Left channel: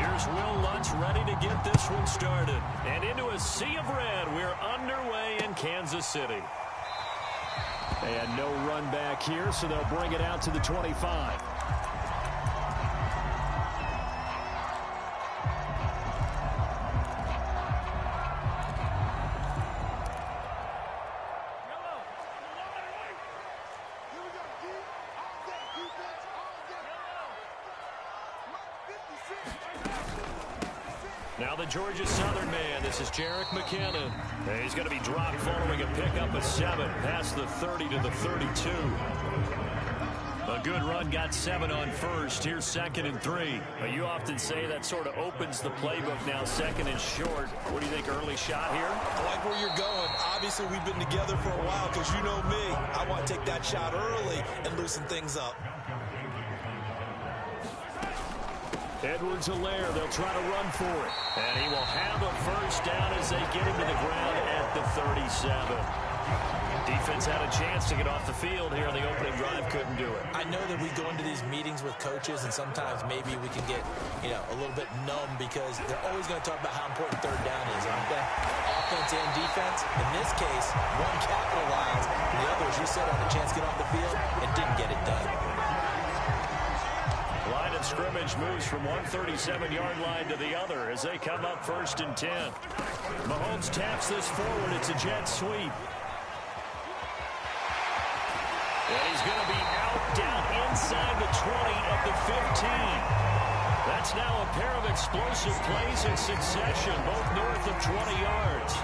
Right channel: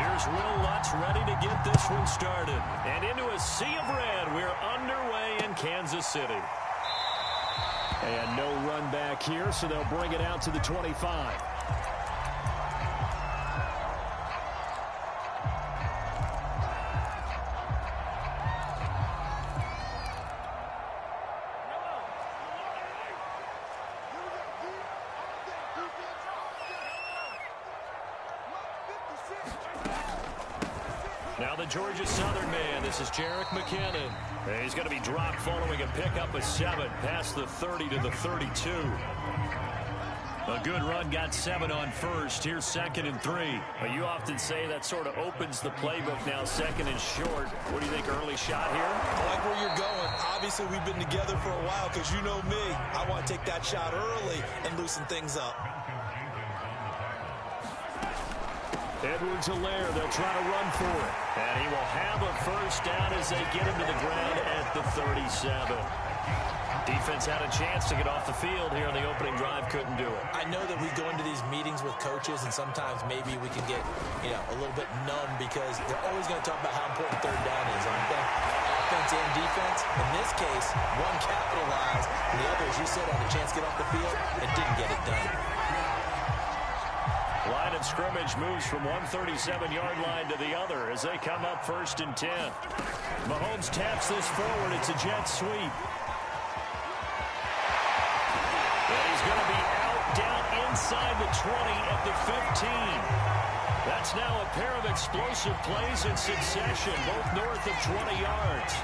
Here's Will Lutz ready to get this one started. And into a sea of red, we're underway in Kansas City. And no run back here, so they'll bring it out to the 25. Now the Georgia Southern man, this is Jerick McKinnon. He's going to be dropped following a pickup of 7 past the 30 to the 32. A good run, got 7 on first. Here's 2nd and 3. Well, you often say that sort of opens the playbook now, 2nd and short. What do you think, early shot here? I like where you're going. Obviously, we've been together for a while because you know me. I want to take that shot early and loosen things up. Edwards-Helaire, they'll try to run for it. And he will have a first down as they get him to the ground at the 37. Defense had a chance to get off the field here in the opening drive, couldn't do it. I know that we go into these meetings with coaches, and sometimes maybe we can get, a little bit numb because they're always going to talk about how important 3rd down is, aren't they? Offense and defense. In this case, one capitalized, and the other, as you said, had a chance to get off the field and didn't get it done. Line of scrimmage moves from 137-yard line to the other as they come up 1st and 10. Mahomes taps this forward. It's a jet sweep. And he's going to be out down inside the 20 at the 15. That's now a pair of explosive plays in succession, both north of 20 yards.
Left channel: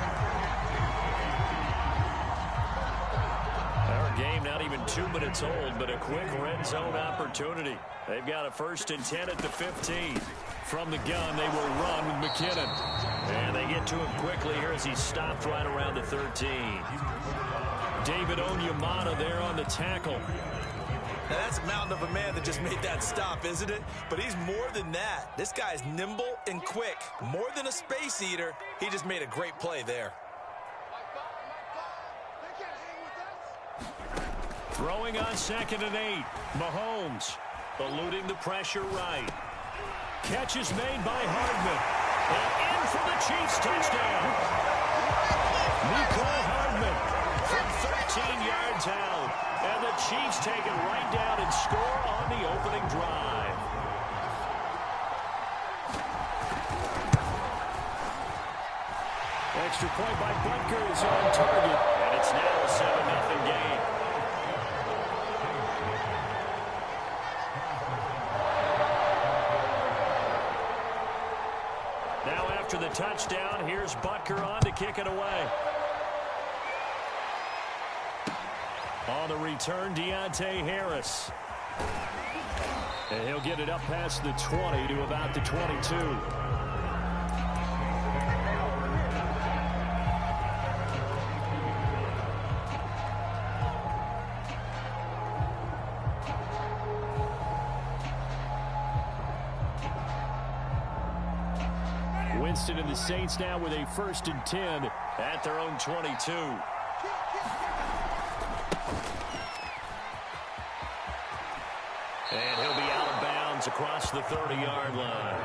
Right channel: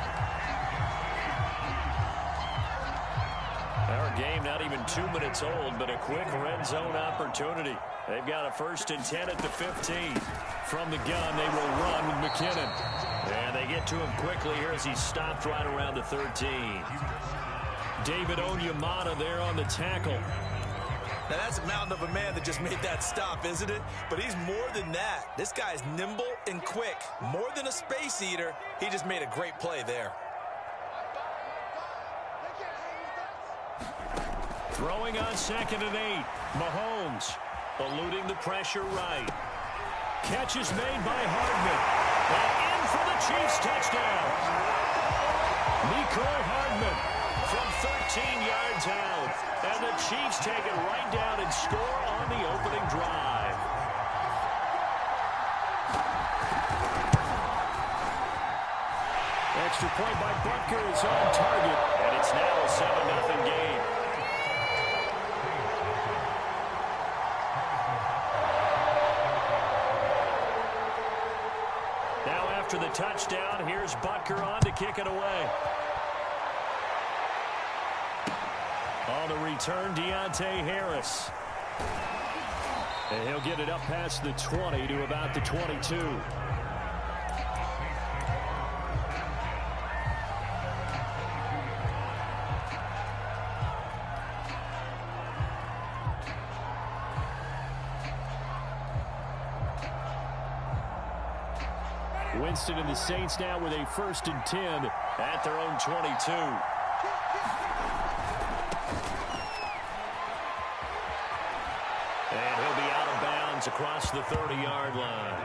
Our game not even 2 minutes old, but a quick red zone opportunity. They've got a 1st and 10 at the 15. From the gun, they will run with McKinnon. And they get to him quickly here as he's stopped right around the 13. David Onyemata there on the tackle. Now, that's a mountain of a man that just made that stop, isn't it? But he's more than that. This guy's nimble and quick. More than a space eater, he just made a great play there. Throwing on 2nd and 8. Mahomes eluding the pressure right. Catch is made by Hardman. And in for the Chiefs touchdown. Mecole Hardman from 13 yards out. And the Chiefs take it right down and score on the opening drive. Extra point by Butker is on target. And it's now a 7-0 game. Now after the touchdown, here's Butker on to kick it away. On the return, Deontay Harris. And he'll get it up past the 20 to about the 22. Winston and the Saints now with a 1st and 10 at their own 22. And he'll be out of bounds across the 30-yard line.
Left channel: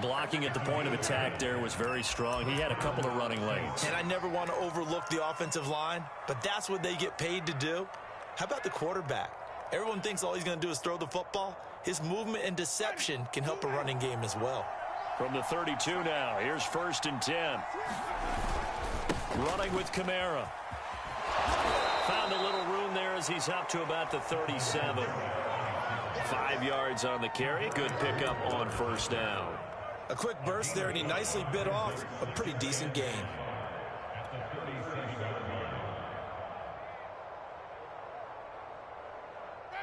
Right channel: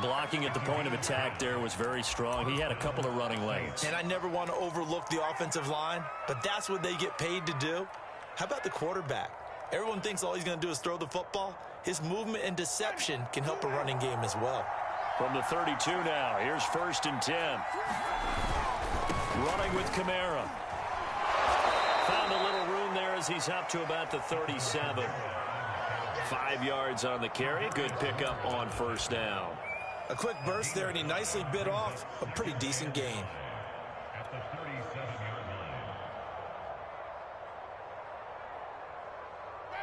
Blocking at the point of attack there was very strong. He had a couple of running lanes. And I never want to overlook the offensive line, but that's what they get paid to do. How about the quarterback? Everyone thinks all he's going to do is throw the football. His movement and deception can help a running game as well. From the 32 now, here's 1st and 10. Running with Kamara. Found a little room there as he's up to about the 37. 5 yards on the carry. Good pickup on 1st down. A quick burst there, and he nicely bit off a pretty decent gain.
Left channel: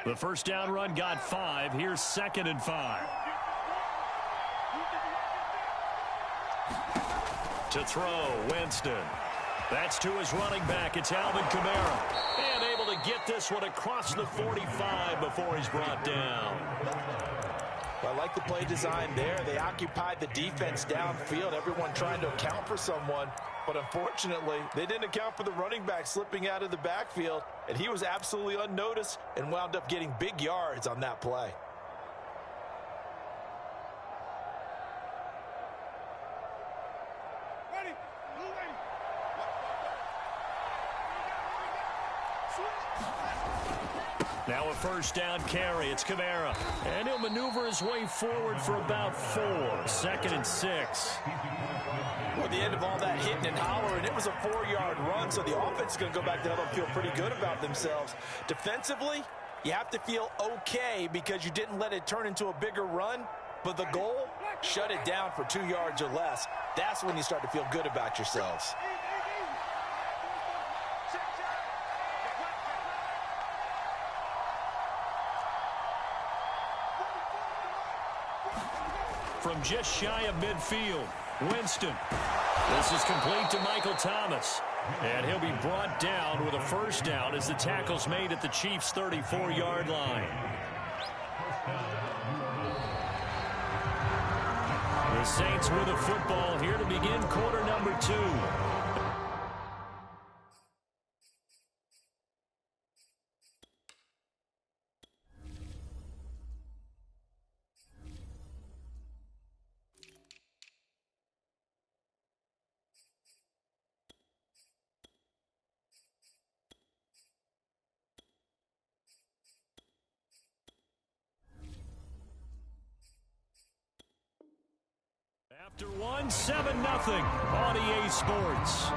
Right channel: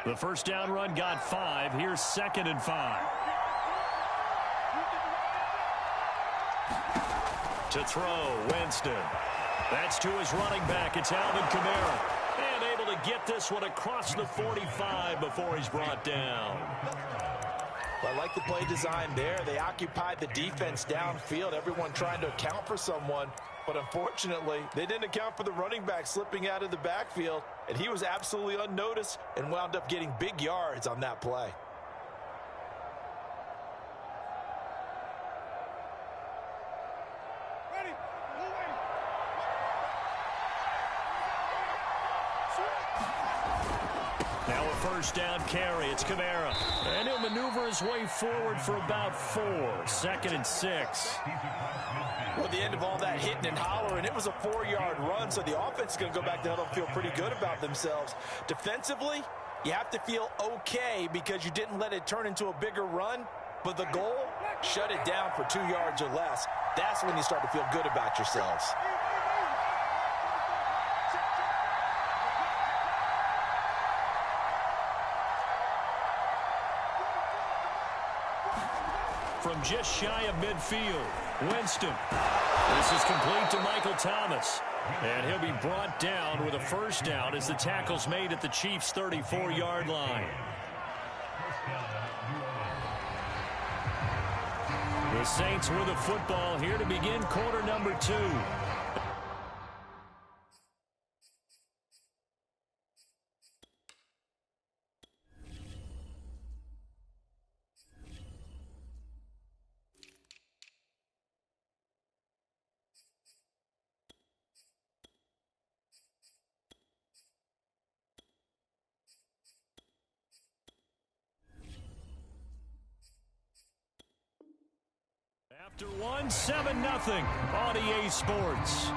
The 1st down run got 5. Here's 2nd and 5. To throw, Winston. That's to his running back. It's Alvin Kamara. And able to get this one across the 45 before he's brought down. Well, I like the play design there. They occupied the defense downfield, everyone trying to account for someone. But unfortunately, they didn't account for the running back slipping out of the backfield. And he was absolutely unnoticed and wound up getting big yards on that play. Now a first down carry. It's Kamara. And he'll maneuver his way forward for about 4. 2nd and 6. Well, at the end of all that hitting and hollering, it was a 4-yard run, so the offense is going to go back to huddle and feel pretty good about themselves. Defensively, you have to feel okay because you didn't let it turn into a bigger run, but the goal, shut it down for 2 yards or less. That's when you start to feel good about yourselves. From just shy of midfield, Winston. This is complete to Michael Thomas. And he'll be brought down with a first down as the tackle's made at the Chiefs' 34-yard line. The Saints with the football here to begin quarter number 2. After 1, 7-0 on EA Sports.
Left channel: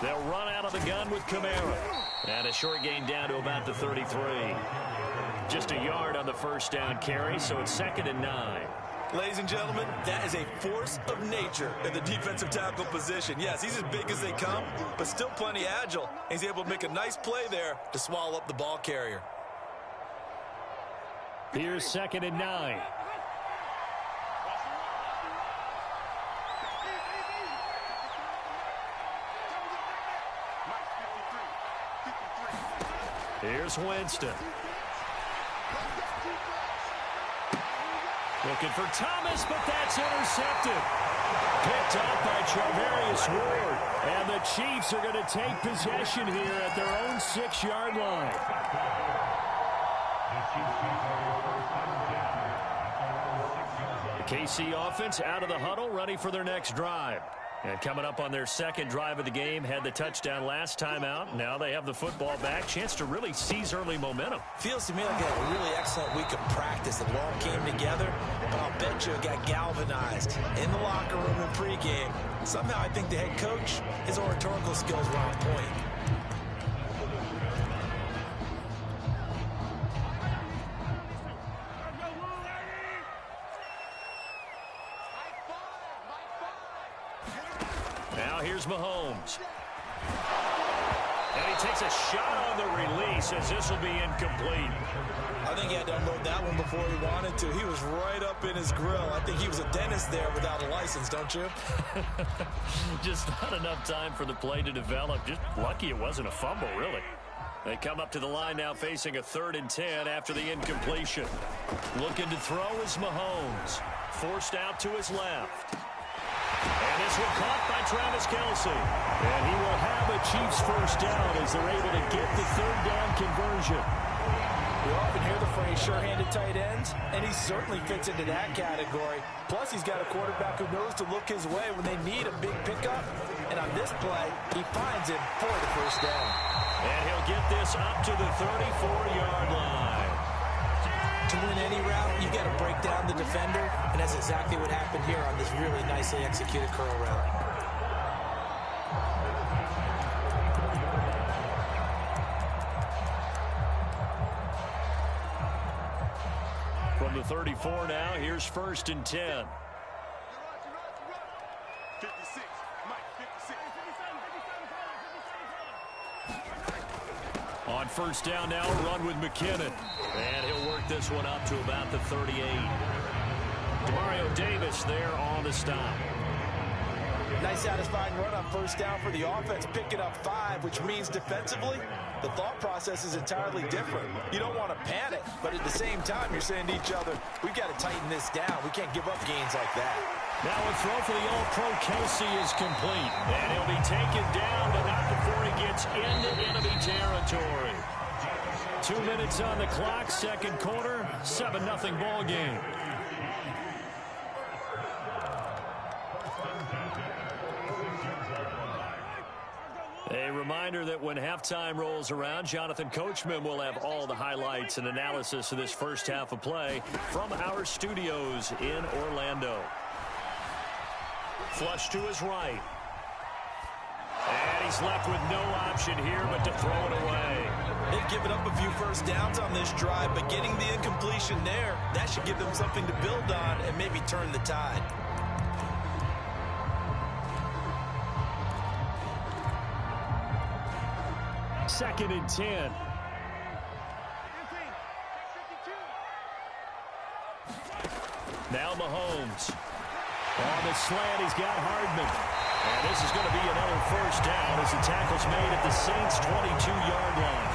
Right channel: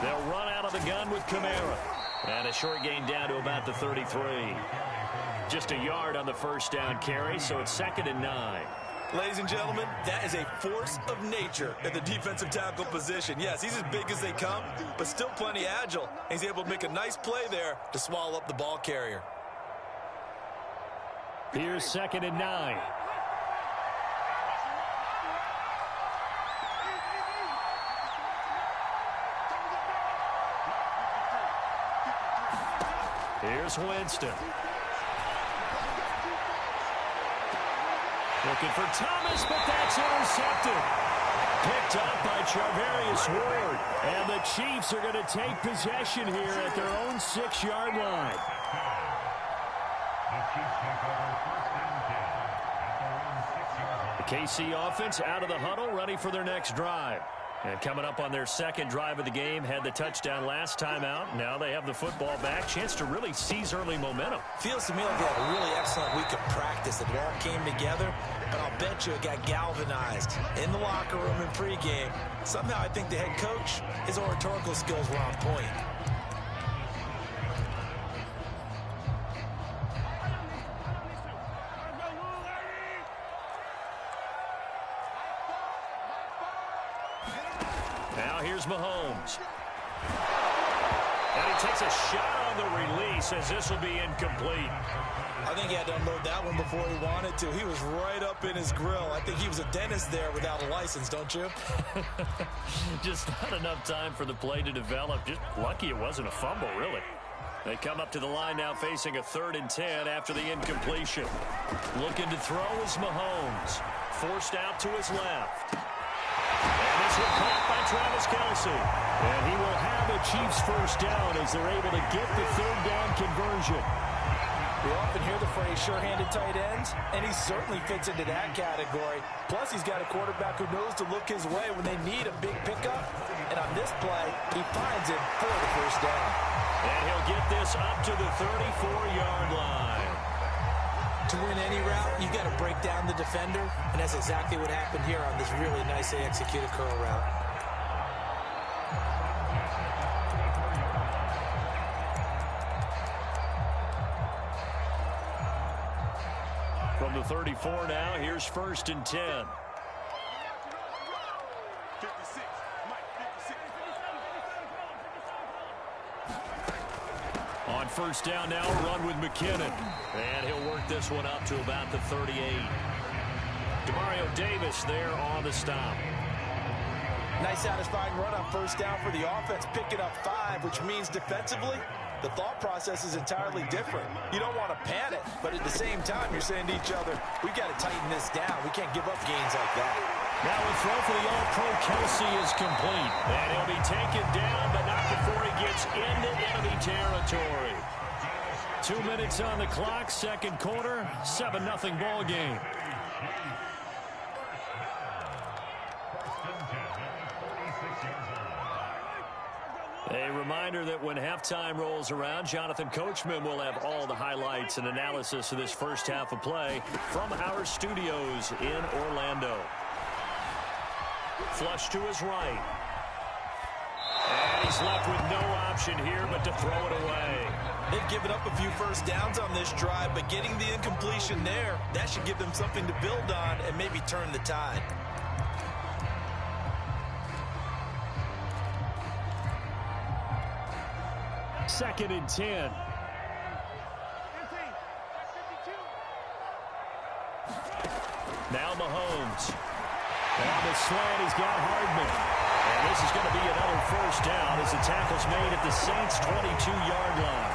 They'll run out of the gun with Kamara. And a short gain down to about the 33. Just a yard on the first down carry, so it's 2nd and 9. Ladies and gentlemen, that is a force of nature at the defensive tackle position. Yes, he's as big as they come, but still plenty agile. He's able to make a nice play there to swallow up the ball carrier. Here's 2nd and 9. Here's Winston. Looking for Thomas, but that's intercepted. Picked up by Charvarius Ward. And the Chiefs are going to take possession here at their own 6-yard line. The KC offense out of the huddle, ready for their next drive. And coming up on their second drive of the game, had the touchdown last time out. Now they have the football back. Chance to really seize early momentum. Feels to me like they had a really excellent week of practice. It all came together, but I'll bet you it got galvanized in the locker room in pregame. Somehow I think the head coach, his oratorical skills were on point. Now here's Mahomes. And he takes a shot on the release as this will be incomplete. I think he had to unload that one before he wanted to. He was right up in his grill. I think he was a dentist there without a license, don't you? Just not enough time for the play to develop. Just lucky it wasn't a fumble, really. They come up to the line now facing a 3rd and 10 after the incompletion. Looking to throw is Mahomes. Forced out to his left. And this one caught by Travis Kelce. And he will have a Chiefs first down as they're able to get the 3rd down conversion. We often hear the phrase sure-handed tight ends, and he certainly fits into that category. Plus, he's got a quarterback who knows to look his way when they need a big pickup. And on this play, he finds him for the first down. And he'll get this up to the 34-yard line. To win any route, you've got to break down the defender, and that's exactly what happened here on this really nicely executed curl route. From the 34 now, here's 1st and 10. 56, Mike, 56. On first down now, a run with McKinnon. And he'll work this one up to about the 38. Demario Davis there on the stop. Nice satisfying run on first down for the offense, picking up 5, which means defensively, the thought process is entirely different. You don't want to panic, but at the same time, you're saying to each other, we've got to tighten this down. We can't give up gains like that. Now a throw for the All-Pro Kelsey is complete. And he'll be taken down, but not before he gets into enemy territory. 2 minutes on the clock, second quarter, 7-0 ball game. A reminder that when halftime rolls around, Jonathan Coachman will have all the highlights and analysis of this first half of play from our studios in Orlando. Flush to his right. And he's left with no option here but to throw it away. They've given up a few first downs on this drive, but getting the incompletion there, that should give them something to build on and maybe turn the tide. Second and 10. Now Mahomes. On the slant, he's got Hardman. And this is going to be another first down as the tackle's made at the Saints' 22-yard line.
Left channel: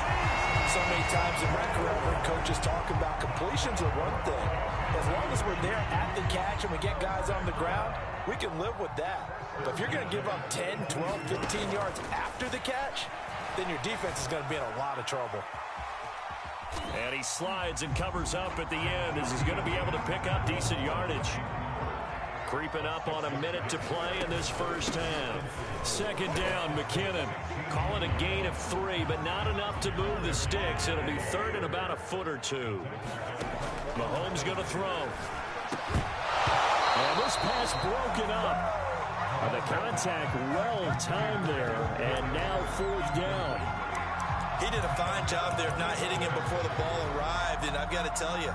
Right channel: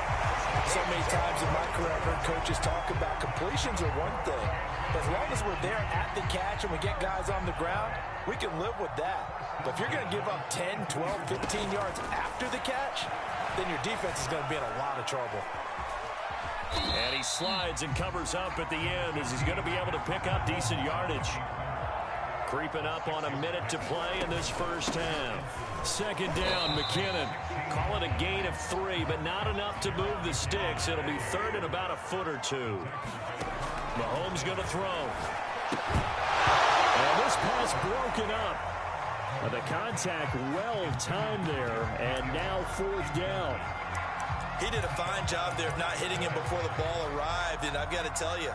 So many times in my career, I've heard coaches talk about completions are one thing. As long as we're there at the catch and we get guys on the ground, we can live with that. But if you're going to give up 10, 12, 15 yards after the catch, then your defense is going to be in a lot of trouble. And he slides and covers up at the end as he's going to be able to pick up decent yardage. Creeping up on a minute to play in this first half. Second down, McKinnon. Call it a gain of 3, but not enough to move the sticks. It'll be third and about a foot or two. Mahomes going to throw. And this pass broken up. The contact well timed there, and now fourth down. He did a fine job there of not hitting him before the ball arrived, and I've got to tell you,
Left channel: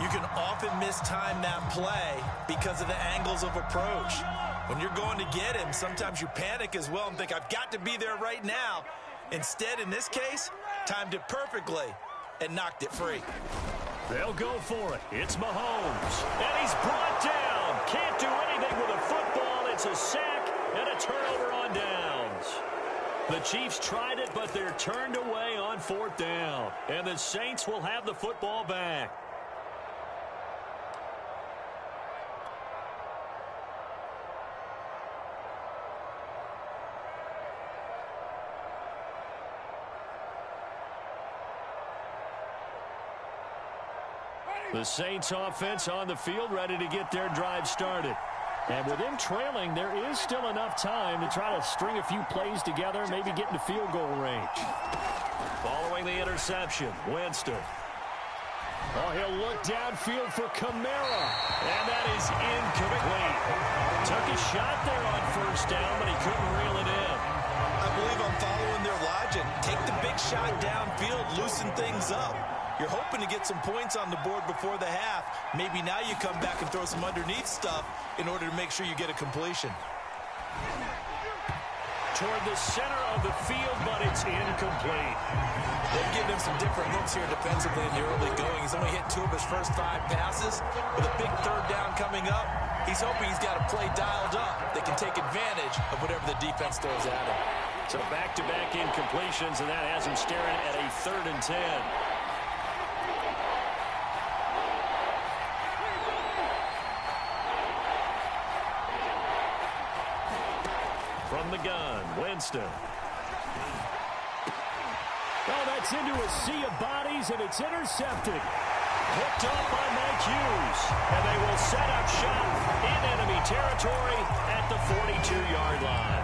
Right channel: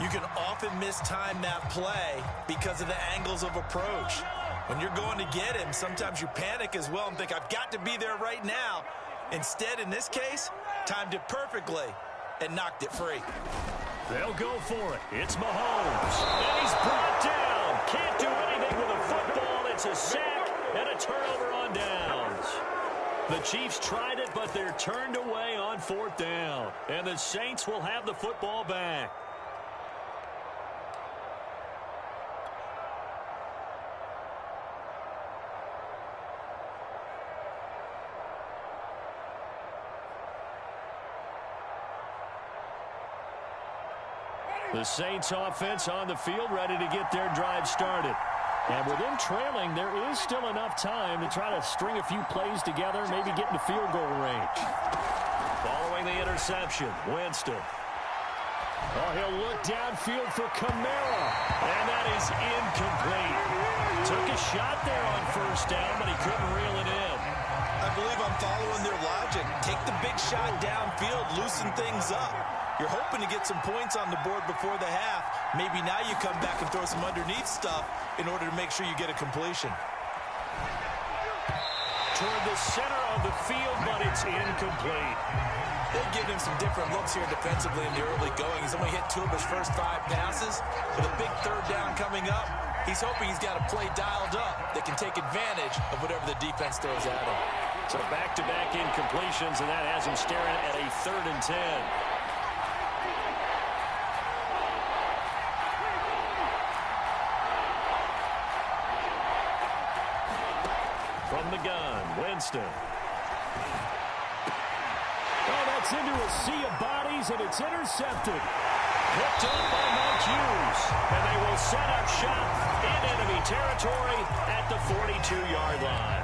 you can often mistime that play because of the angles of approach. When you're going to get him, sometimes you panic as well and think, I've got to be there right now. Instead, in this case, timed it perfectly and knocked it free. They'll go for it. It's Mahomes. And he's brought down. Can't do anything with a football. It's a sack and a turnover on downs. The Chiefs tried it, but they're turned away on fourth down. And the Saints will have the football back. The Saints offense on the field, ready to get their drive started. And with them trailing, there is still enough time to try to string a few plays together, maybe get into field goal range. Following the interception, Winston. Oh, he'll look downfield for Kamara. And that is incomplete. Took a shot there on first down, but he couldn't reel it in. I believe I'm following their logic. Take the big shot downfield, loosen things up. You're hoping to get some points on the board before the half. Maybe now you come back and throw some underneath stuff in order to make sure you get a completion. Toward the center of the field, but it's incomplete. They've given him some different looks here defensively in the early going. He's only hit 2 of his first 5 passes. With a big third down coming up, he's hoping he's got a play dialed up that can take advantage of whatever the defense throws at him. So back-to-back incompletions, and that has him staring at a 3rd and 10. From the gun, Winston. Oh, that's into a sea of bodies, and it's intercepted. Picked up by Mike Hughes. And they will set up shop in enemy territory at the 42-yard line.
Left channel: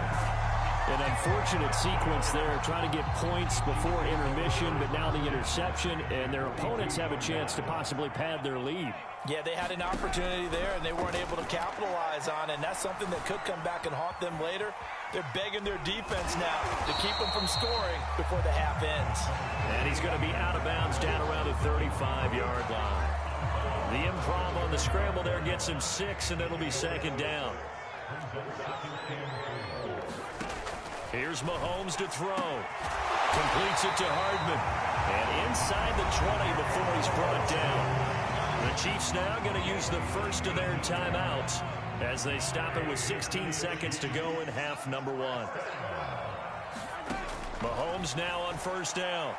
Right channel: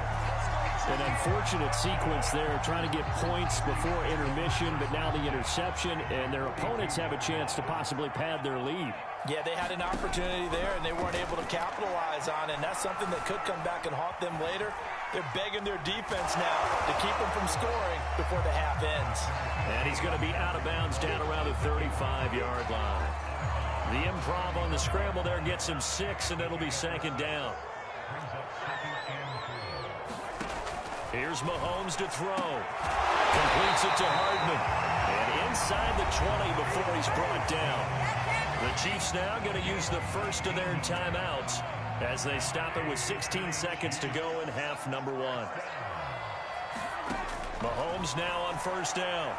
An unfortunate sequence there, trying to get points before intermission, but now the interception, and their opponents have a chance to possibly pad their lead. Yeah, they had an opportunity there, and they weren't able to capitalize on it, and that's something that could come back and haunt them later. They're begging their defense now to keep them from scoring before the half ends. And he's going to be out of bounds down around the 35-yard line. The improv on the scramble there gets him 6, and it'll be 2nd down. Here's Mahomes to throw. Completes it to Hardman. And inside the 20 before he's brought down. The Chiefs now going to use the first of their timeouts as they stop it with 16 seconds to go in half number 1. Mahomes now on first down.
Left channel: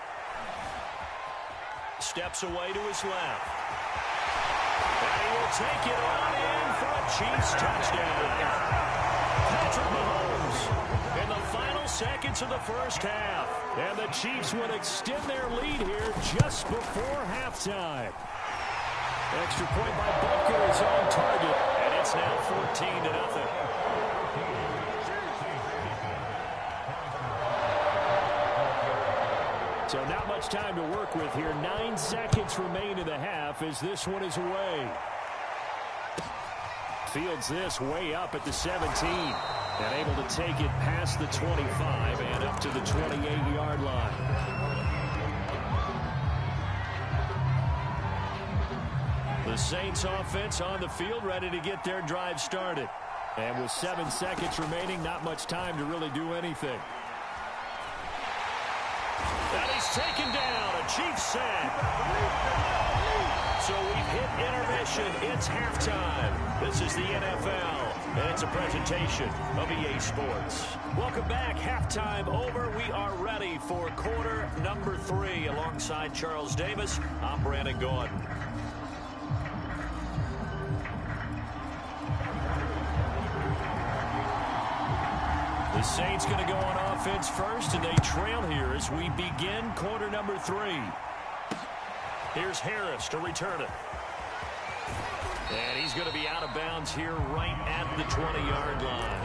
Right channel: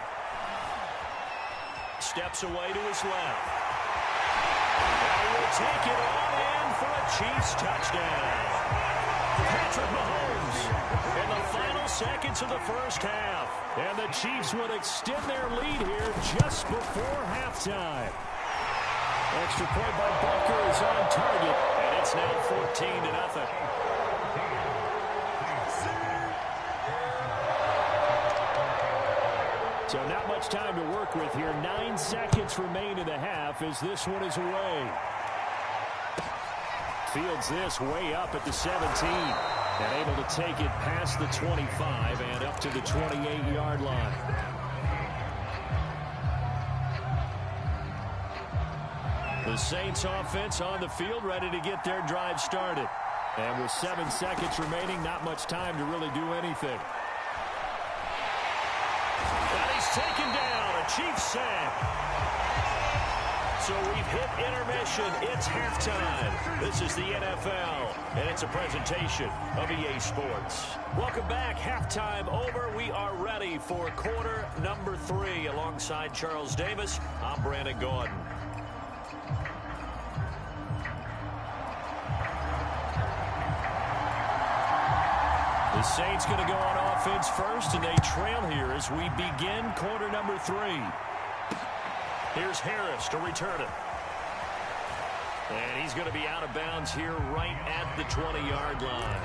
Steps away to his left. And he will take it on in for a Chiefs touchdown. Patrick Mahomes in the final seconds of the first half. And the Chiefs would extend their lead here just before halftime. Extra point by Butker is on target, and it's now 14-0. So not much time to work with here. 9 seconds remain in the half as this one is away. Fields this way up at the 17. And able to take it past the 25 and up to the 28-yard line. The Saints offense on the field, ready to get their drive started. And with 7 seconds remaining, not much time to really do anything. And he's taken down, a Chiefs sack. So we've hit intermission. It's halftime. This is the NFL, and it's a presentation of EA Sports. Welcome back. Halftime over. We are ready for quarter number 3. Alongside Charles Davis, I'm Brandon Gordon. The Saints going to go on offense first, and they trail here as we begin quarter number 3. Here's Harris to return it. And he's going to be out of bounds here right at the 20-yard line.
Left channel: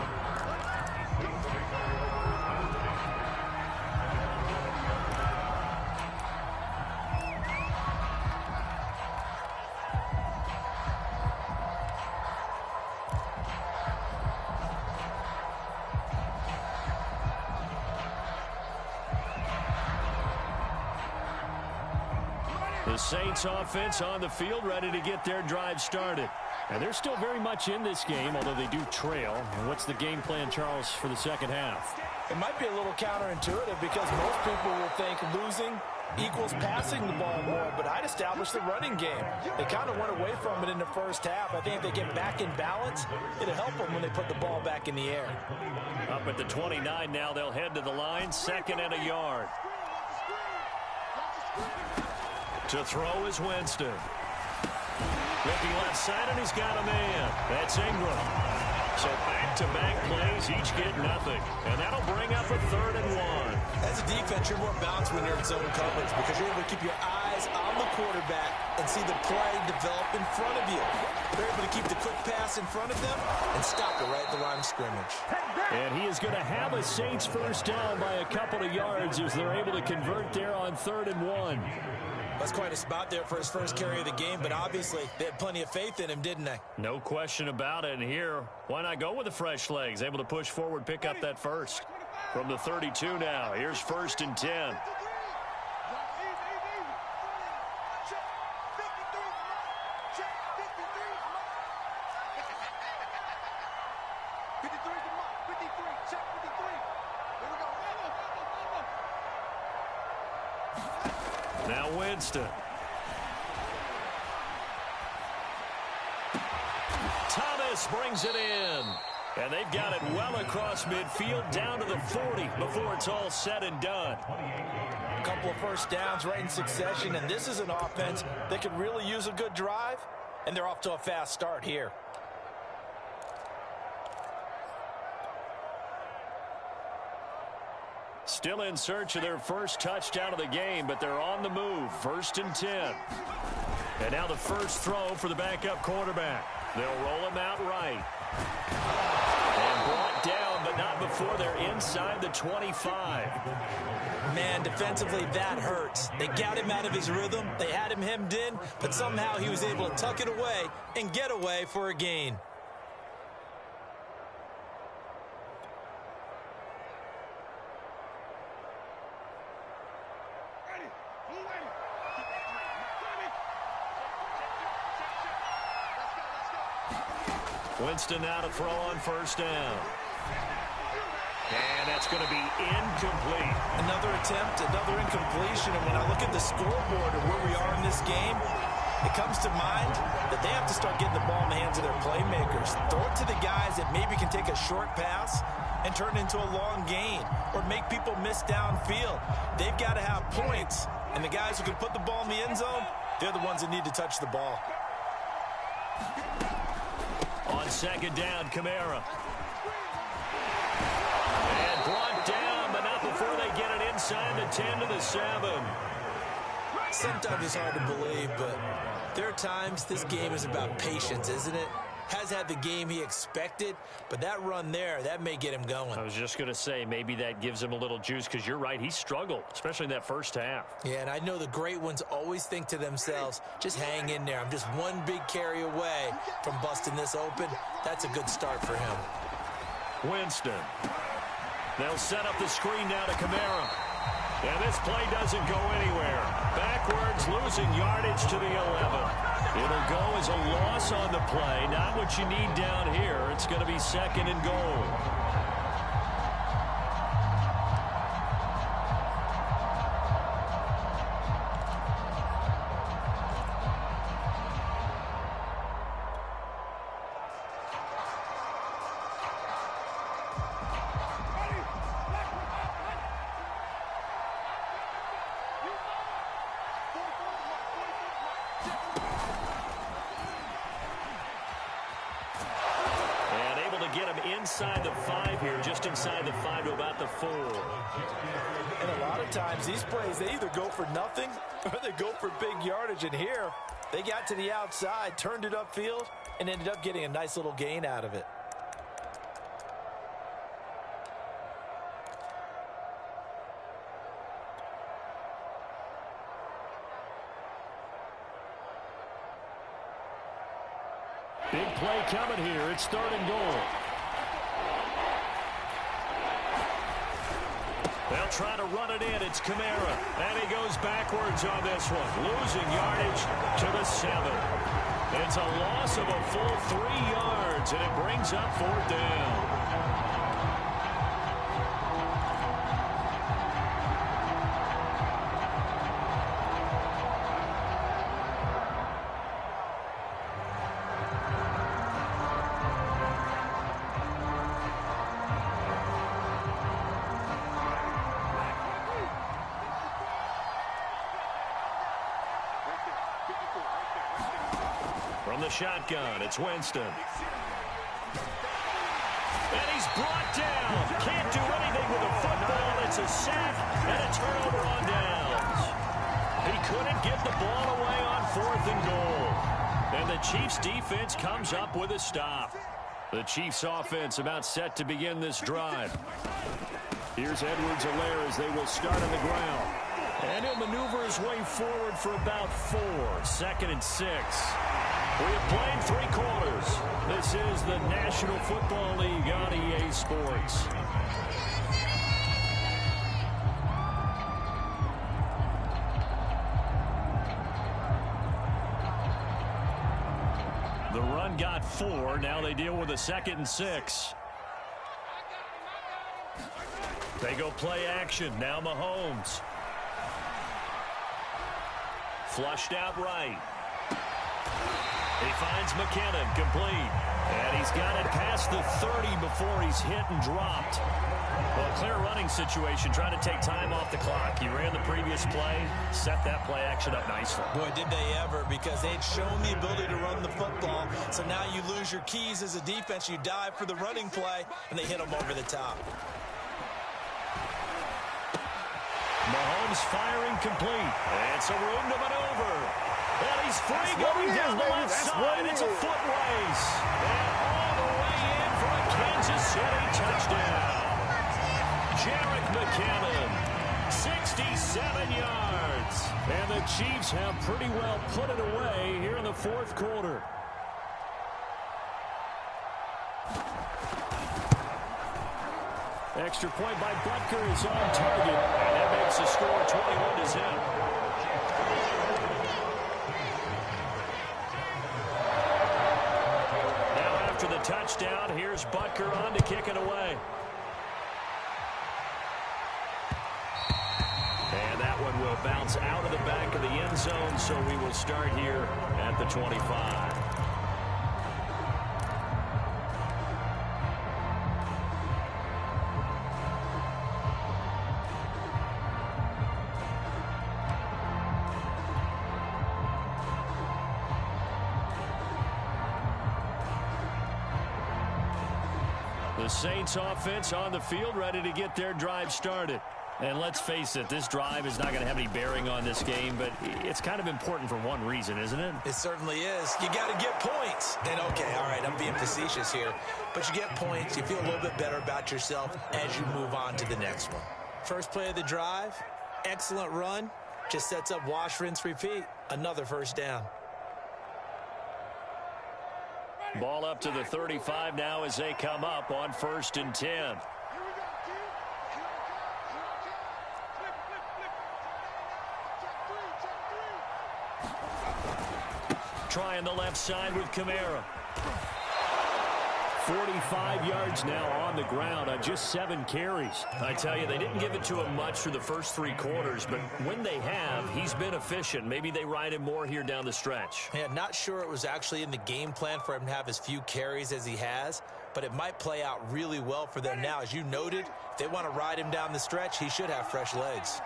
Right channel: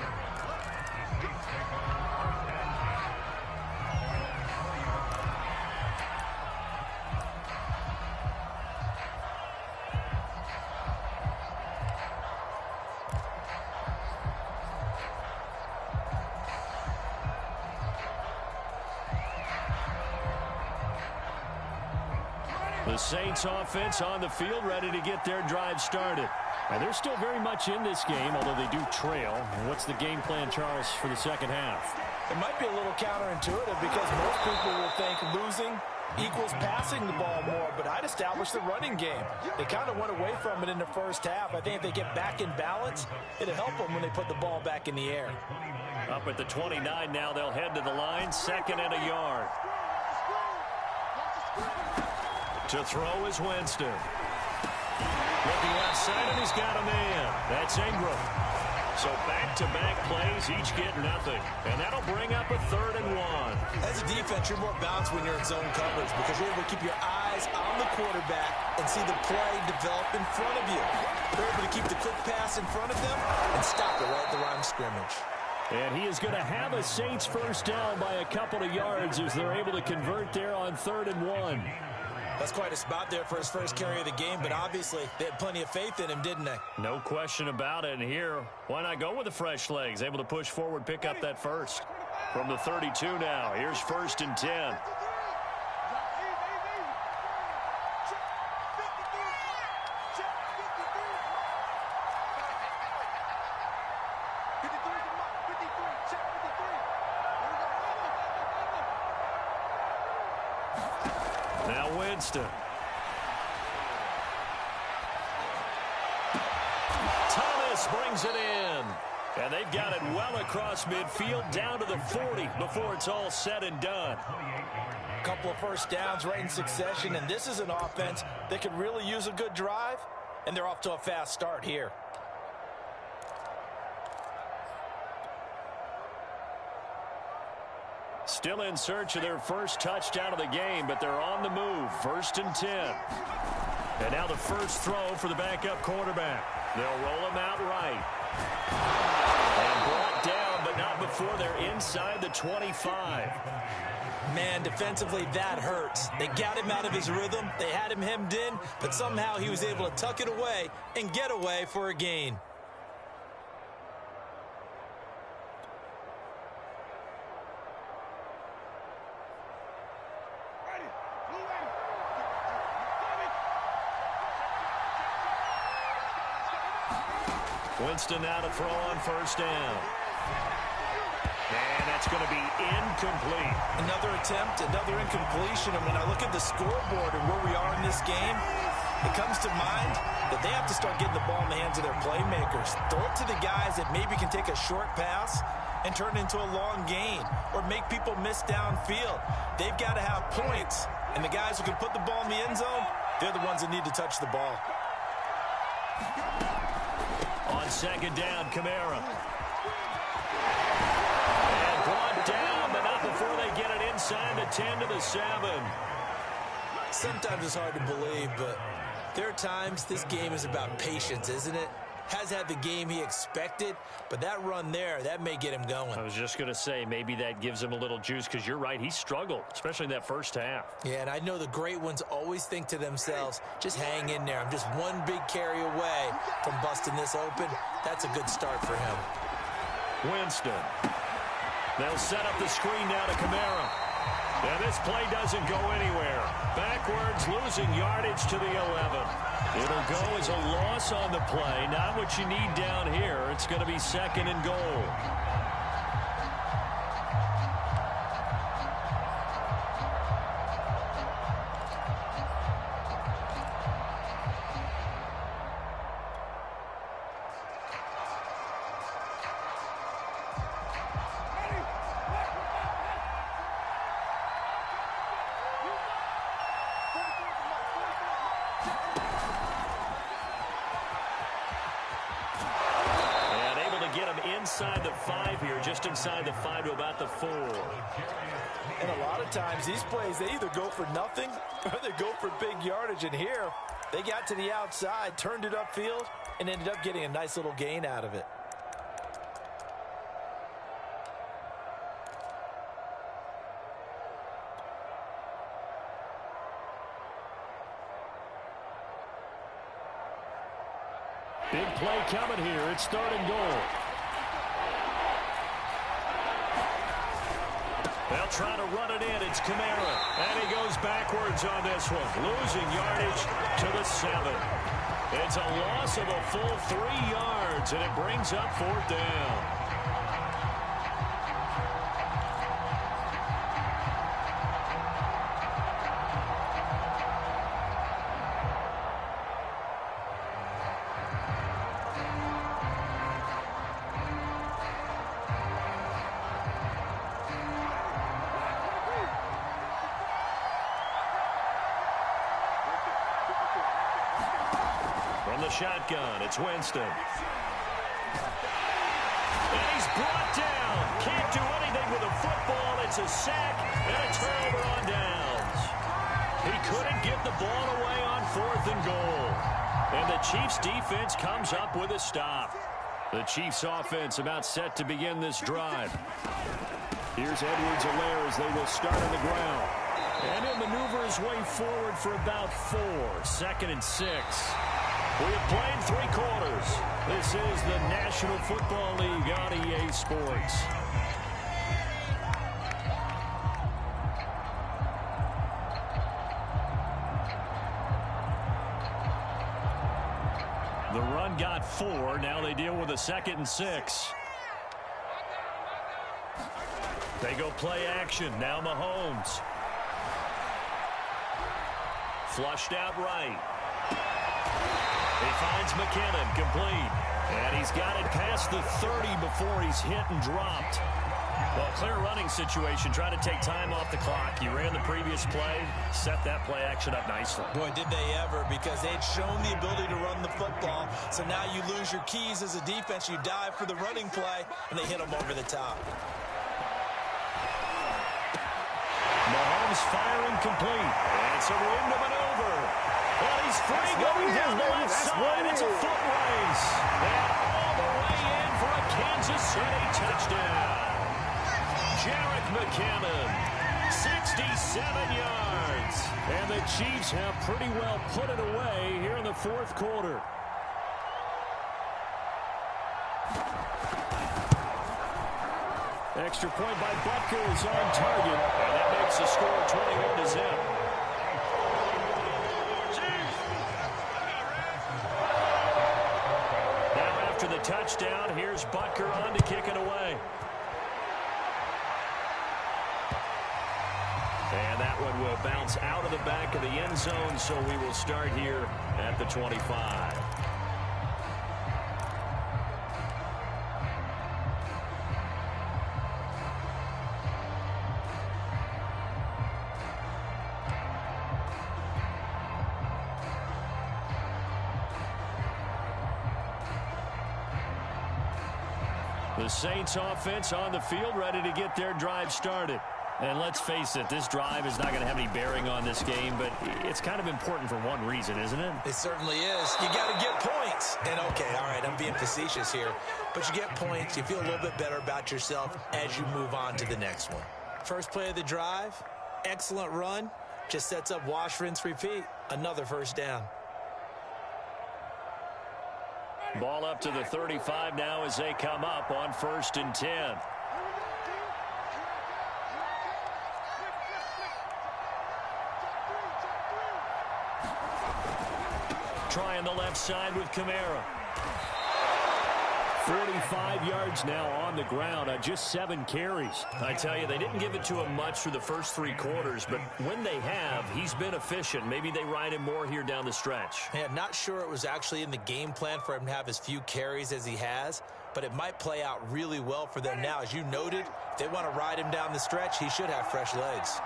The Saints offense on the field, ready to get their drive started. And they're still very much in this game, although they do trail. And what's the game plan, Charles, for the second half? It might be a little counterintuitive because most people will think losing equals passing the ball more, but I'd establish the running game. They kind of went away from it in the first half. I think if they get back in balance, it'll help them when they put the ball back in the air. Up at the 29 now, they'll head to the line, 2nd and a yard. To throw is Winston. Looking left side, and he's got a man. That's Ingram. So back-to-back plays, each get nothing. And that'll bring up a 3rd and 1. As a defense, you're more balanced when you're in zone coverage because you're able to keep your eyes on the quarterback and see the play develop in front of you. They're able to keep the quick pass in front of them and stop it right at the line of scrimmage. And he is going to have a Saints first down by a couple of yards as they're able to convert there on 3rd and 1. That's quite a spot there for his first carry of the game, but obviously they had plenty of faith in him, didn't they? No question about it. And here, why not go with the fresh legs? Able to push forward, pick up that first. From the 32 now, here's 1st and 10. Now Winston. Thomas brings it in. And they've got it well across midfield down to the 40 before it's all said and done. A couple of first downs right in succession, and this is an offense that could really use a good drive, and they're off to a fast start here. Still in search of their first touchdown of the game, but they're on the move. 1st and 10. And now the first throw for the backup quarterback. They'll roll him out right. And brought down, but not before they're inside the 25. Man, defensively, that hurts. They got him out of his rhythm. They had him hemmed in, but somehow he was able to tuck it away and get away for a gain. Winston now to throw on 1st down. And that's going to be incomplete. Another attempt, another incompletion. And when I look at the scoreboard and where we are in this game, it comes to mind that they have to start getting the ball in the hands of their playmakers. Throw it to the guys that maybe can take a short pass and turn it into a long gain or make people miss downfield. They've got to have points. And the guys who can put the ball in the end zone, they're the ones that need to touch the ball. On second down, Kamara. And brought down, but not before they get it inside the 10 to the 7. Sometimes it's hard to believe, but there are times this game is about patience, isn't it? Has had the game he expected, but that run there, that may get him going. I was just going to say, maybe that gives him a little juice, because you're right, he struggled, especially in that first half. Yeah, and I know the great ones always think to themselves, just hang in there. I'm just one big carry away from busting this open. That's a good start for him. Winston. They'll set up the screen now to Kamara. And this play doesn't go anywhere. Backwards, losing yardage to the 11. It'll go as a loss on the play. Not what you need down here. It's going to be second and goal. Get him inside the 5 here, just inside the 5 to about the 4. And a lot of times these plays, they either go for nothing or they go for big yardage. And here, they got to the outside, turned it upfield, and ended up getting a nice little gain out of it. Big play coming here. It's third and goal. They'll try to run it in. It's Kamara. And he goes backwards on this one. Losing yardage to the 7. It's a loss of a full 3 yards, and it brings up fourth down. From the shotgun, it's Winston. And he's brought down. Can't do anything with a football. It's a sack and a turnover on downs. He couldn't get the ball away on fourth and goal. And the Chiefs defense comes up with a stop. The Chiefs offense about set to begin this drive. Here's Edwards-Helaire as they will start on the ground. And he'll maneuver his way forward for about 4. Second and 6. We have played 3 quarters. This is the National Football League on EA Sports. The run got 4. Now they deal with a second and 6. They go play action. Now Mahomes. Flushed out right. He finds McKinnon, complete. And he's got it past the 30 before he's hit and dropped. Well, clear running situation, trying to take time off the clock. He ran the previous play, set that play action up nicely. Boy, did they ever, because they'd shown the ability to run the football. So now you lose your keys as a defense. You dive for the running play, and they hit them over the top. Mahomes firing complete. It's a room to maneuver. And he's free going down the left side. It's a foot race. And all the way in for a Kansas City touchdown. Jerick McKinnon, 67 yards. And the Chiefs have pretty well put it away here in the fourth quarter. Extra point by Butker is on target. And that makes the score 21-0. After the touchdown, here's Butker on to kick it away. And that one will bounce out of the back of the end zone, so we will start here at the 25. The Saints offense on the field, ready to get their drive started. And let's face it, this drive is not going to have any bearing on this game, but it's kind of important for one reason, isn't it? It certainly is. You got to get points. And, okay, all right, I'm being facetious here. But you get points, you feel a little bit better about yourself as you move on to the next one. First play of the drive, excellent run, just sets up wash, rinse, repeat. Another first down. Ball up to the 35 now as they come up on 1st and 10. Trying the left side with Kamara. 45 yards now on the ground on just 7 carries. I tell you, they didn't give it to him much through the first 3 quarters, but when they have, he's been efficient. Maybe they ride him more here down the stretch. Yeah, not sure it was actually in the game plan for him to have as few carries as he has, but it might play out really well for them now. As you noted, if they want to ride him down the stretch, he should have fresh legs.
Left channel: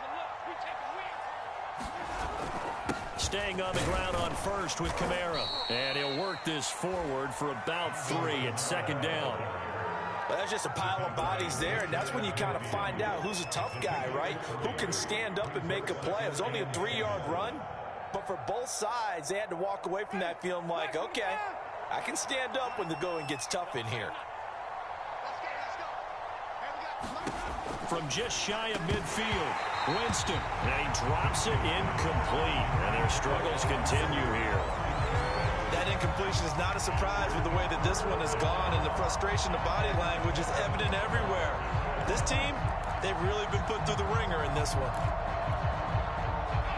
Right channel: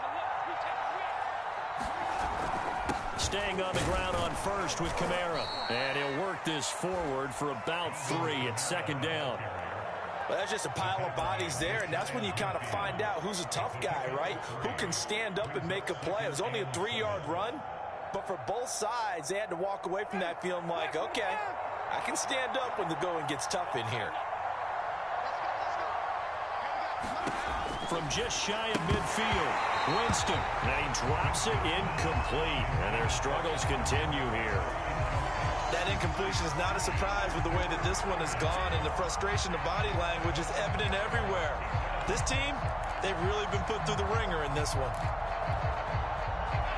Staying on the ground on 1st with Kamara. And he'll work this forward for about 3 at 2nd down. Well, that's just a pile of bodies there, and that's when you kind of find out who's a tough guy, right? Who can stand up and make a play. It was only a 3-yard run, but for both sides, they had to walk away from that feeling like, okay, I can stand up when the going gets tough in here. From just shy of midfield, Winston, and he drops it incomplete, and their struggles continue here. That incompletion is not a surprise with the way that this one has gone, and the frustration of body language is evident everywhere. This team, they've really been put through the ringer in this one.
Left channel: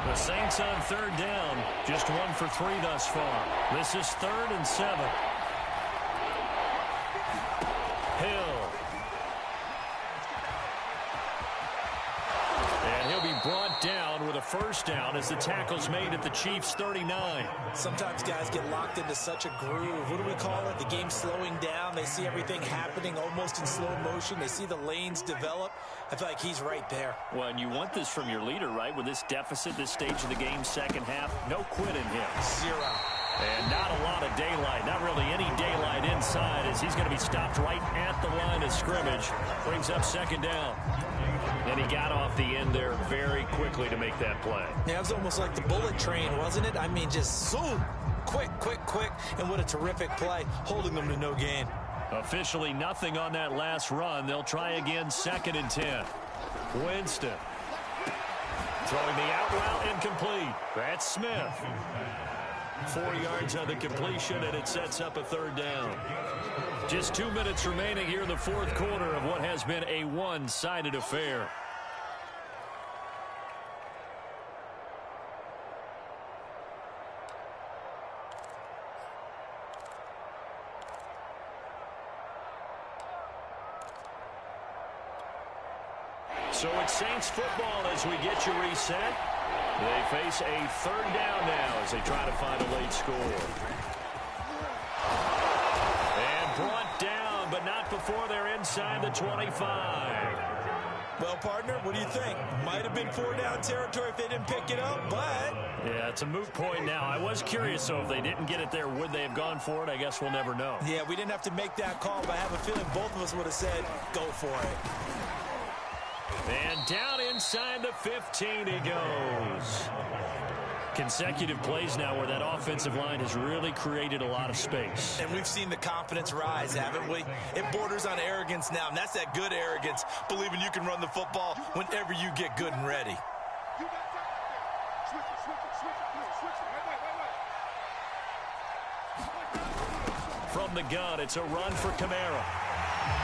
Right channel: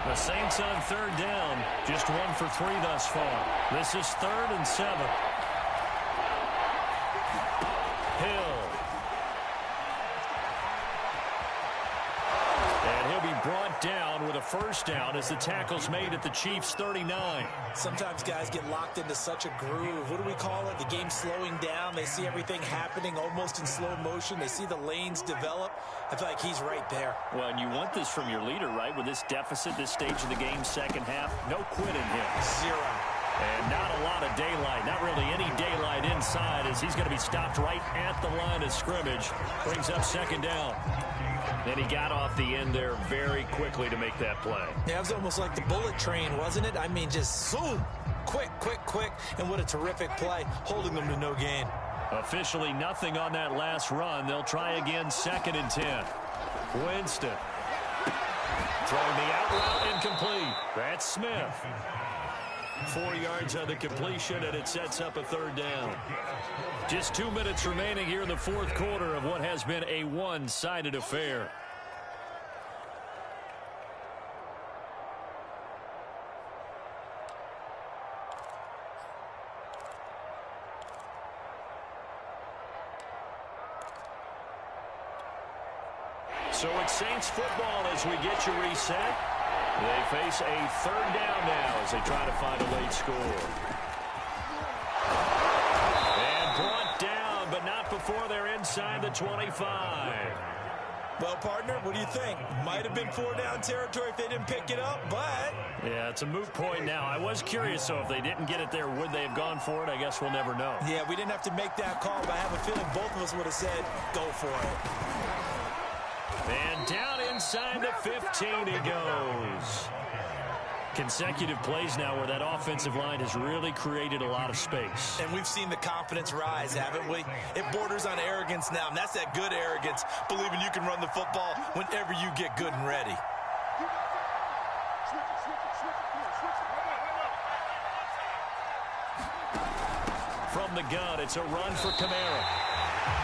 The Saints on 3rd down, just 1 for 3 thus far. This is 3rd and 7. Hill. And he'll be brought down with a first down as the tackle's made at the Chiefs' 39. Sometimes guys get locked into such a groove. What do we call it? The game's slowing down. They see everything happening almost in slow motion. They see the lanes develop. I feel like he's right there. Well, and you want this from your leader, right? With this deficit, this stage of the game, second half, no quitting him. 0. And not a lot of daylight, not really any daylight inside as he's going to be stopped right at the line of scrimmage. Brings up 2nd down. And he got off the end there very quickly to make that play. Yeah, it was almost like the bullet train, wasn't it? I mean, just zoom, quick, and what a terrific play, holding them to no gain. Officially nothing on that last run. They'll try again, 2nd and 10. Winston. Throwing the out route incomplete. That's Smith. 4 yards on the completion, and it sets up a 3rd down. Just 2 minutes remaining here in the 4th quarter of what has been a one-sided affair. So it's Saints football as we get you reset. They face a 3rd down now as they try to find a late score. And brought down, but not before they're inside the 25. Well, partner, what do you think? Might have been 4-down territory if they didn't pick it up, but... Yeah, it's a moot point now. I was curious, so if they didn't get it there, would they have gone for it? I guess we'll never know. Yeah, we didn't have to make that call, but I have a feeling both of us would have said, go for it. And down inside the 15 he goes. Consecutive plays now where that offensive line has really created a lot of space. And we've seen the confidence rise, haven't we? It borders on arrogance now, and that's that good arrogance, believing you can run the football whenever you get good and ready. From the gun, it's a run for Kamara.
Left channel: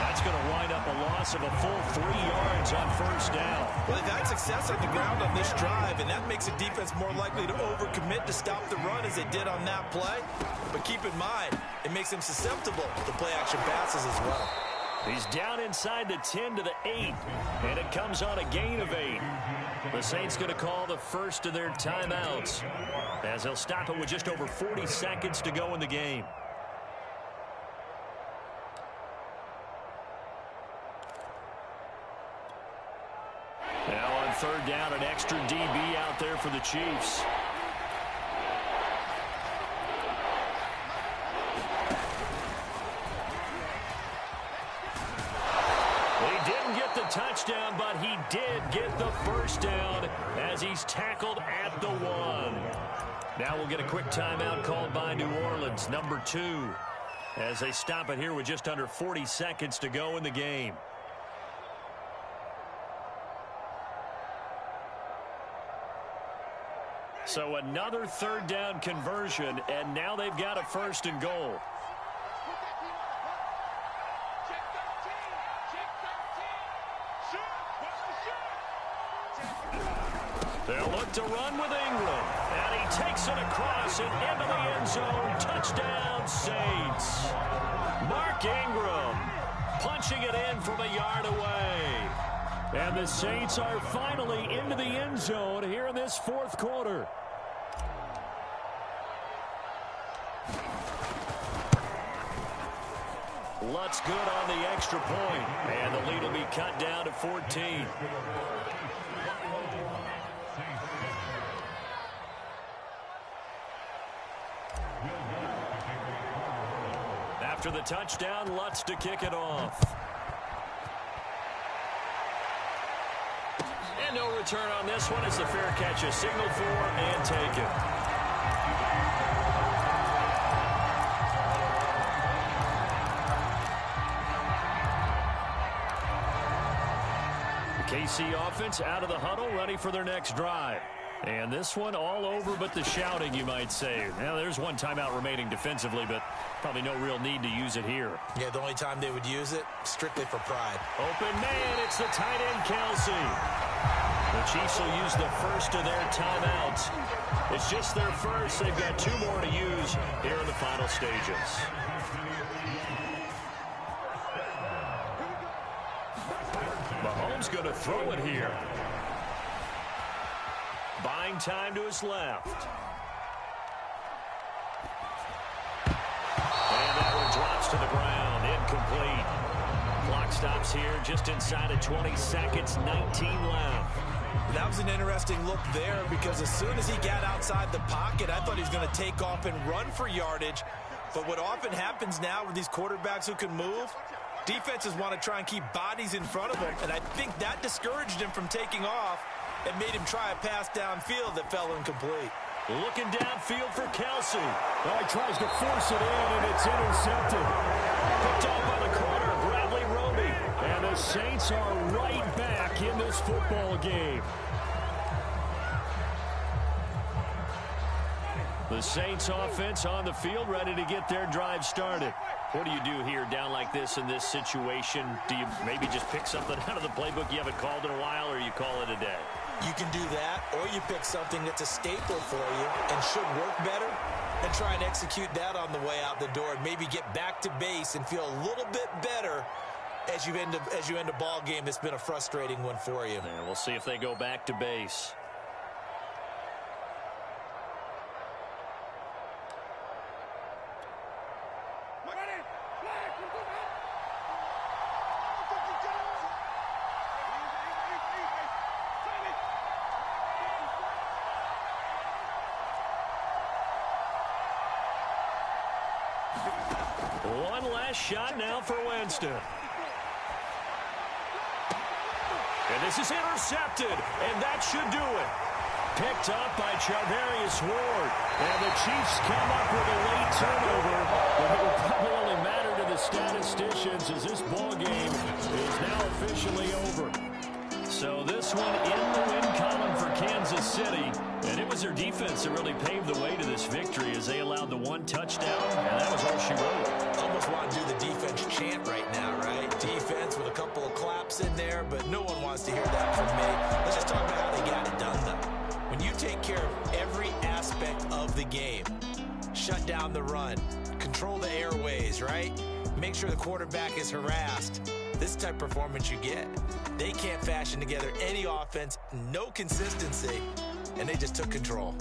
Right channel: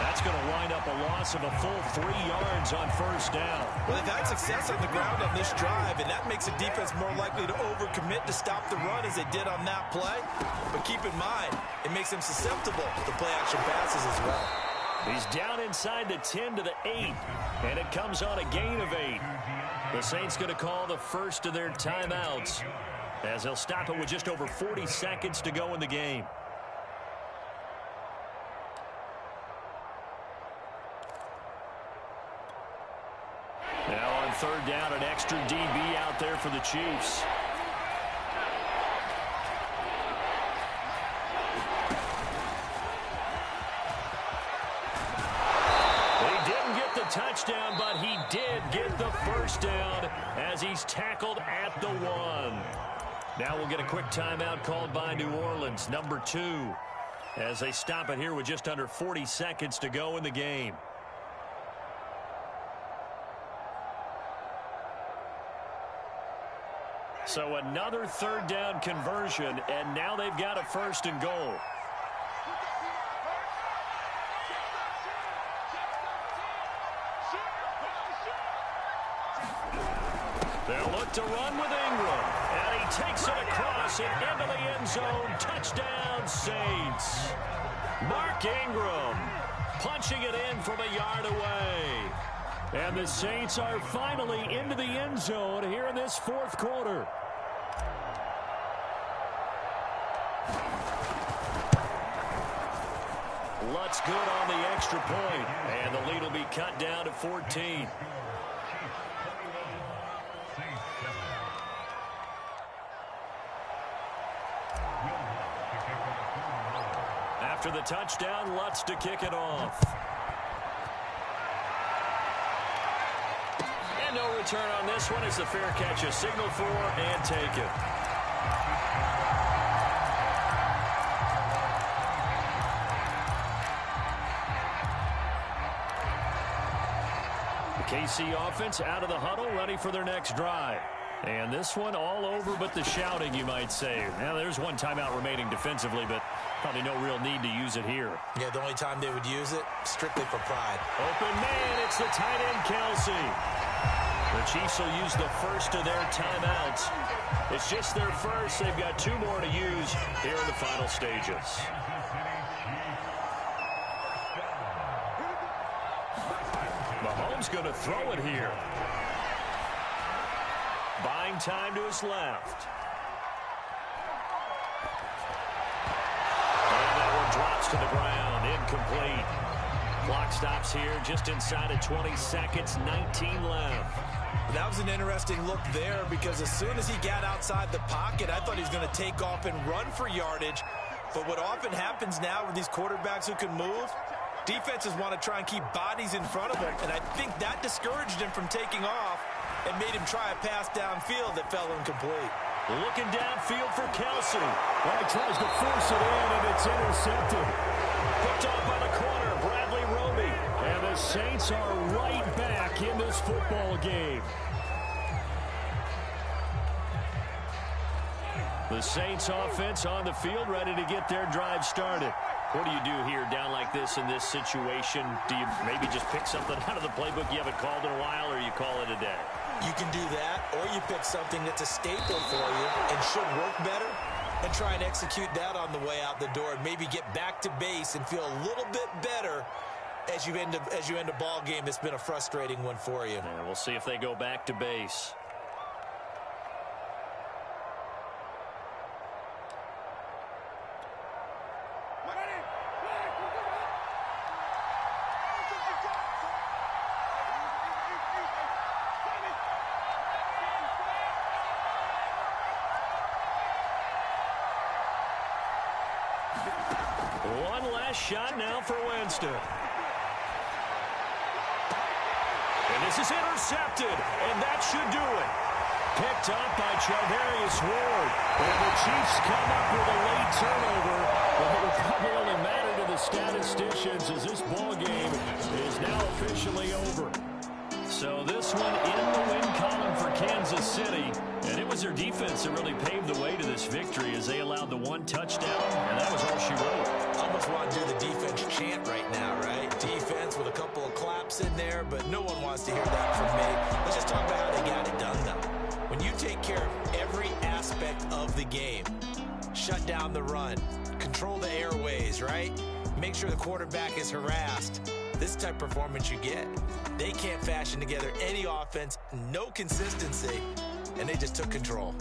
That's going to wind up a loss of a full 3 yards on 1st down. Well, they've had success on the ground on this drive, and that makes a defense more likely to overcommit to stop the run as they did on that play. But keep in mind, it makes them susceptible to play-action passes as well. He's down inside the 10 to the 8, and it comes on a gain of 8. The Saints going to call the first of their timeouts as they'll stop it with just over 40 seconds to go in the game. Now on 3rd down, an extra DB out there for the Chiefs. touchdown, but he did get the first down as he's tackled at the 1. Now we'll get a quick timeout called by New Orleans, number 2, as they stop it here with just under 40 seconds to go in the game. So another third down conversion, and now they've got a 1st and goal. They'll look to run with Ingram, and he takes it across and into the end zone. Touchdown, Saints. Mark Ingram punching it in from a yard away. And the Saints are finally into the end zone here in this 4th quarter. Lutz good on the extra point, and the lead will be cut down to 14. After the touchdown, Lutz to kick it off. And no return on this one as the fair catch is signaled for and taken. The KC offense out of the huddle, ready for their next drive. And this one all over but the shouting, you might say. Now, there's one timeout remaining defensively, but probably no real need to use it here. Yeah, the only time they would use it, strictly for pride. Open man, it's the tight end, Kelsey. The Chiefs will use the first of their timeouts. It's just their first. They've got 2 more to use here in the final stages. Mahomes going to throw it here. Buying time to his left. And that one drops to the ground. Incomplete. Clock stops here just inside of 20 seconds. 19 left. That was an interesting look there because as soon as he got outside the pocket, I thought he was going to take off and run for yardage. But what often happens now with these quarterbacks who can move, defenses want to try and keep bodies in front of them. And I think that discouraged him from taking off and made him try a pass downfield that fell incomplete. Looking downfield for Kelsey. Well, he tries to force it in, and it's intercepted. Picked off by the corner, Bradley Roby. And the Saints are right back in this football game. The Saints offense on the field, ready to get their drive started. What do you do here down like this in this situation? Do you maybe just pick something out of the playbook you haven't called in a while, or you call it a day? You can do that, or you pick something that's a staple for you and should work better and try and execute that on the way out the door and maybe get back to base and feel a little bit better as you end a ball game that's been a frustrating one for you. Yeah, we'll see if they go back to base. One last shot now for Winston. And this is intercepted, and that should do it. Picked up by Charvarius Ward. And the Chiefs come up with a late turnover, but it will probably only matter to the statisticians as this ball game is now officially over. So this one in the win column for Kansas City. And it was their defense that really paved the way to this victory as they allowed the 1 touchdown, and that was all she wrote. Almost want to do the defense chant right now, right? Defense with a couple of claps in there, but no one wants to hear that from me. Let's just talk about how they got it done, though. When you take care of every aspect of the game, shut down the run, control the airways, right? Make sure the quarterback is harassed. This type of performance you get. They can't fashion together any offense, no consistency, and they just took control.